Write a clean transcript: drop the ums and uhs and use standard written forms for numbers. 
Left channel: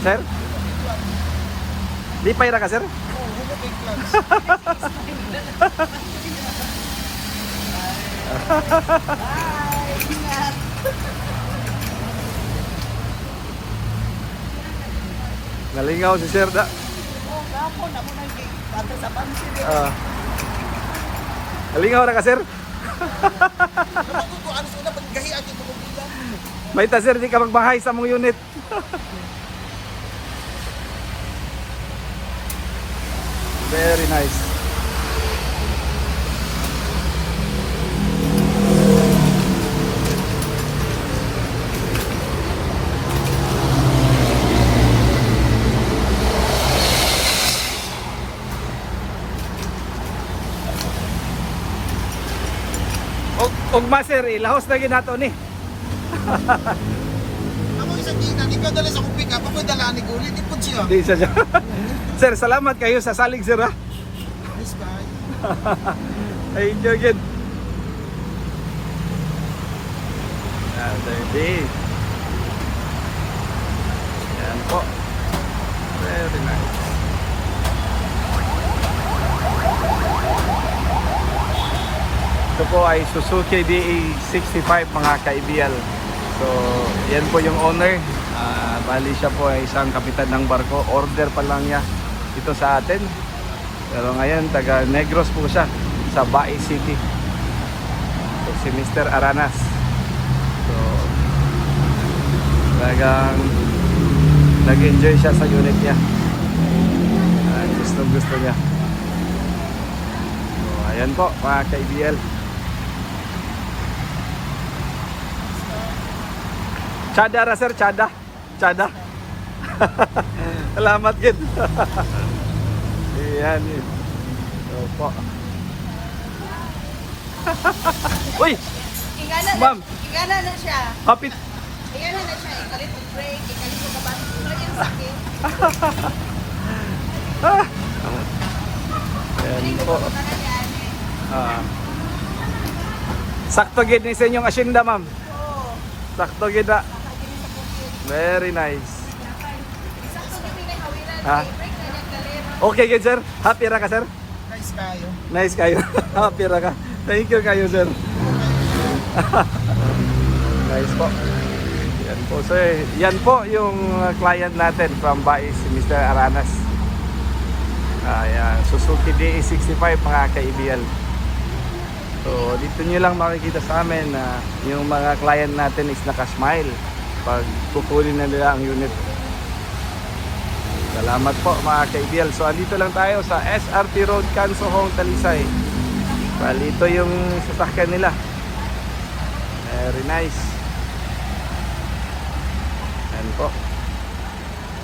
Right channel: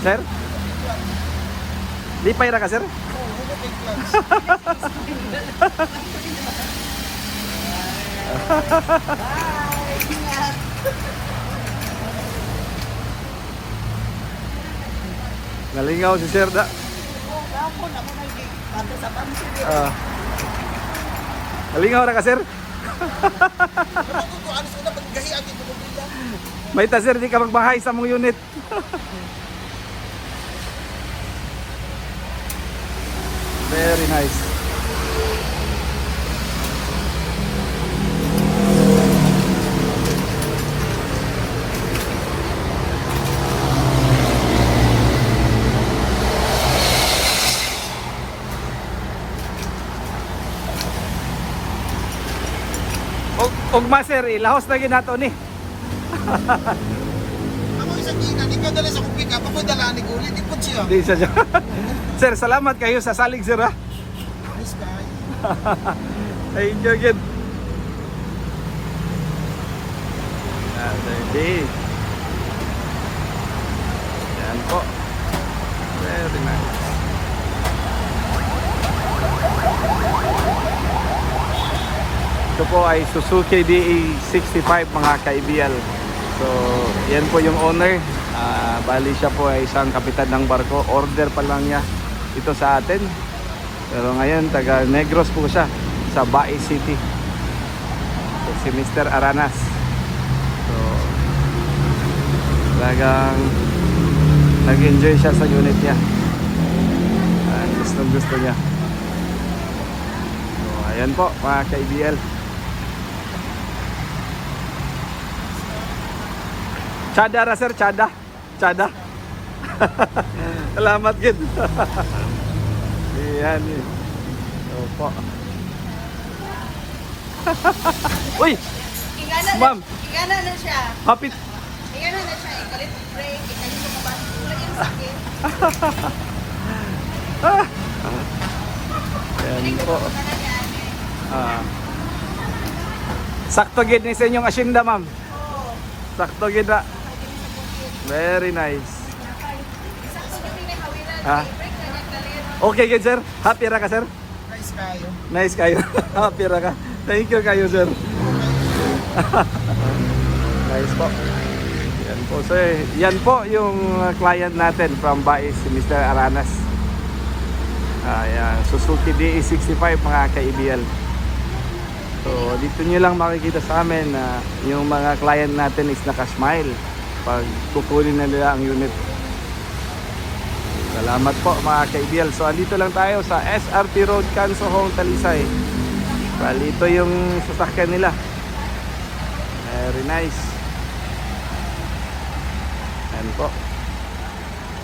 Sir? Di pa ira ka, sir? Nalingaw si sir da. Nalingaw na ka, sir? May ta, sir, di ka magbahay sa mong unit. Very nice. Ugma, sir, ilahos na ginato ni. Ako isang ginan, ikaw dala sa kong pick up, ako'y dala ni Gulit, ipod siya. Di siya. Sir, salamat kayo sa salig, sir, ha? Nice guy. I enjoy it. Hindi. Ito po ay Suzuki DA65 mga kaibigan. So, yan po yung owner. Bali siya po ay isang kapitan ng barko. Order pa lang yan dito sa atin. Pero ngayon, taga Negros po siya sa Bae City. So, si Mr. Aranas. Nag-enjoy siya sa unit niya. Gusto niya. Ayan po mga kaibigan. Chada ra, sir, chada. Chada. Salamat din. Ayan. Opo. Uy! Ma'am. Ingana na siya. Hapit. Ingana na siya. Ikalit ang break. Ikalit ang kabati. Wala yung sakit. Balik ko po na yan. Sakto gid ni sa inyong asyenda, ma'am. Sakto gid na. Very nice. Okay gid, sir. Happy ra ka, sir? Nice kayo. Nice kayo. Happy ra ka. Thank you kayo, sir. Nice po. So, yan po yung client natin from Bae, si Mr. Aranas. Suzuki DA65 mga kaibigan. So, dito nyo lang makikita sa amin na yung mga client natin is naka-smile pag kukunin na nila ang unit. Salamat po mga kaibigan. So, dito lang tayo sa SRT Road, Kansahong, Talisay. So, dito yung sasakyan nila. Very nice. Yan po.